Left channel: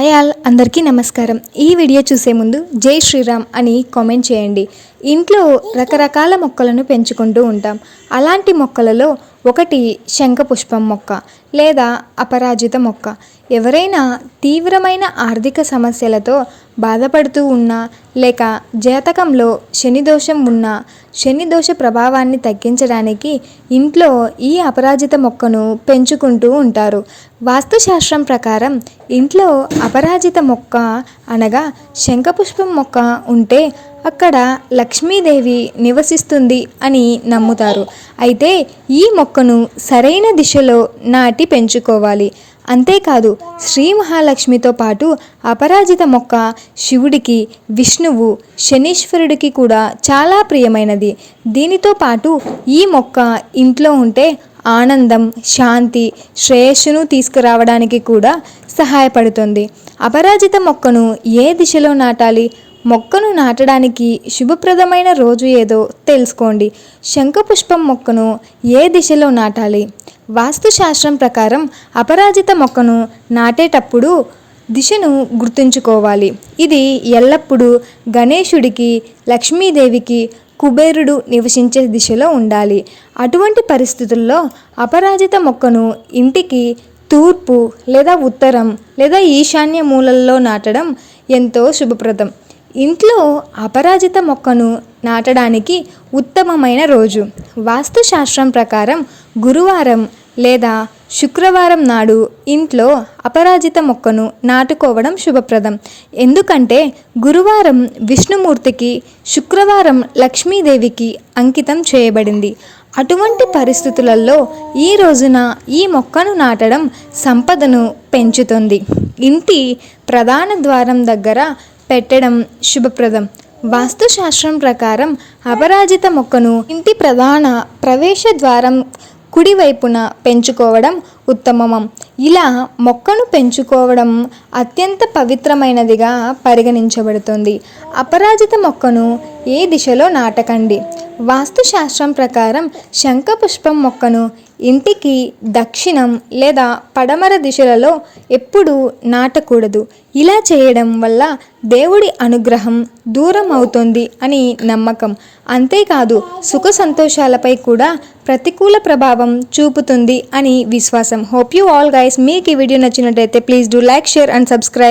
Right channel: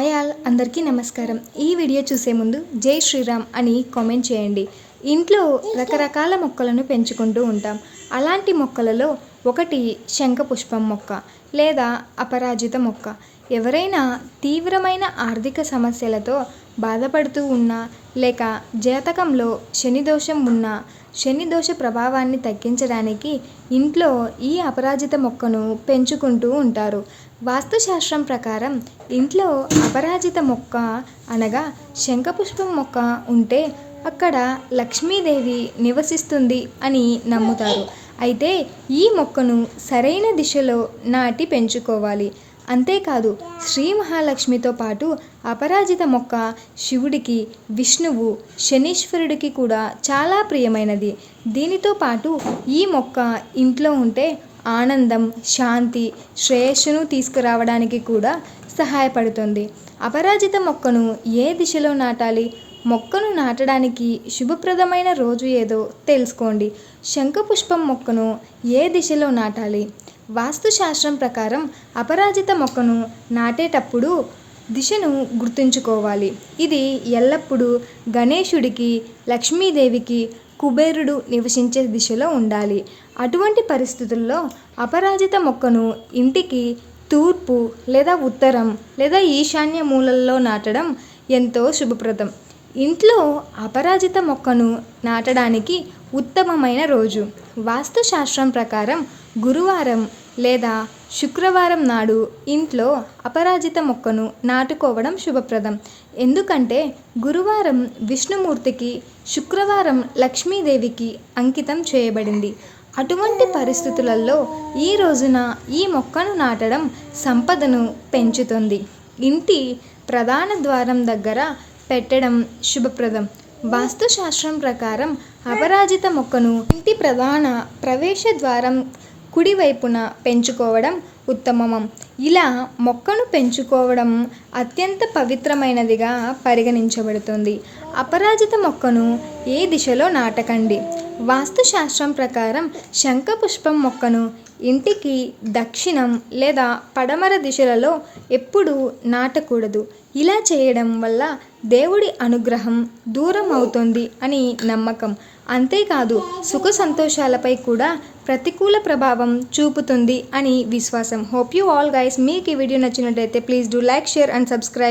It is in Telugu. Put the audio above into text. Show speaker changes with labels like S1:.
S1: హాయ్ ఆల్ అందరికీ నమస్కారం. ఈ వీడియో చూసే ముందు జై శ్రీరామ్ అని కామెంట్ చేయండి. ఇంట్లో రకరకాల మొక్కలను పెంచుకుంటూ ఉంటాం. అలాంటి మొక్కలలో ఒకటి శంఖపుష్పం మొక్క లేదా అపరాజిత మొక్క. ఎవరైనా తీవ్రమైన ఆర్థిక సమస్యలతో బాధపడుతూ ఉన్నా లేక జాతకంలో శని దోషం ఉన్నా శని దోష ప్రభావాన్ని తగ్గించడానికి ఇంట్లో ఈ అపరాజిత మొక్కను పెంచుకుంటూ ఉంటారు. వాస్తుశాస్త్రం ప్రకారం ఇంట్లో అపరాజిత మొక్క అనగా శంఖపుష్పం మొక్క ఉంటే అక్కడ లక్ష్మీదేవి నివసిస్తుంది అని నమ్ముతారు. అయితే ఈ మొక్కను సరైన దిశలో నాటి పెంచుకోవాలి. అంతేకాదు శ్రీ మహాలక్ష్మితో పాటు అపరాజిత మొక్క శివుడికి విష్ణువు శనీశ్వరుడికి కూడా చాలా ప్రియమైనది. దీనితో పాటు ఈ మొక్క ఇంట్లో ఉంటే ఆనందం శాంతి శ్రేయస్సును తీసుకురావడానికి కూడా సహాయపడుతుంది. అపరాజిత మొక్కను ఏ దిశలో నాటాలి? మొక్కను నాటడానికి శుభప్రదమైన రోజు ఏదో తెలుసుకోండి. శంఖపుష్పం మొక్కను ఏ దిశలో నాటాలి? వాస్తుశాస్త్రం ప్రకారం అపరాజిత మొక్కను నాటేటప్పుడు దిశను గుర్తుంచుకోవాలి. ఇది ఎల్లప్పుడూ గణేశుడికి లక్ష్మీదేవికి కుబేరుడు నివసించే దిశలో ఉండాలి. అటువంటి పరిస్థితుల్లో అపరాజిత మొక్కను ఇంటికి తూర్పు లేదా ఉత్తరం లేదా ఈశాన్య మూలల్లో నాటడం ఎంతో శుభప్రదం. ఇంట్లో అపరాజిత మొక్కను నాటడానికి ఉత్తమమైన రోజు. వాస్తుశాస్త్రం ప్రకారం గురువారం లేదా శుక్రవారం నాడు ఇంట్లో అపరాజిత మొక్కను నాటుకోవడం శుభప్రదం. ఎందుకంటే గురువారం విష్ణుమూర్తికి శుక్రవారం లక్ష్మీదేవికి అంకితం చేయబడింది. అటువంటి పరిస్థితులలో ఈ రోజున ఈ మొక్కను నాటడం సంపదను పెంచుతుంది. ఇంటి ప్రధాన ద్వారం దగ్గర పెట్టడం శుభప్రదం. వాస్తుశాస్త్రం ప్రకారం అపరాజిత మొక్కను ఇంటి ప్రధాన ప్రవేశ ద్వారం కుడివైపున పెంచుకోవడం ఉత్తమం ఇలా మొక్కను పెంచుకోవడం అత్యంత పవిత్రమైనదిగా పరిగణించబడుతుంది. అపరాజిత మొక్కను ఏ దిశలో నాటకండి? వాస్తుశాస్త్రం ప్రకారం శంఖపుష్పం మొక్కను ఇంటికి దక్షిణం లేదా పడమర దిశలలో ఎప్పుడూ నాటకూడదు. ఇలా చేయడం వల్ల దేవుడి అనుగ్రహం దూరం అవుతుంది అని నమ్మకం. అంతేకాదు సుఖ సంతోషాలపై కూడా ప్రతికూల ప్రభావం చూపుతుంది అని విశ్వాసం. హోప్ యూ ఆల్ గైస్ మీకు ఈ వీడియో నచ్చినట్లయితే please do like share and subscribe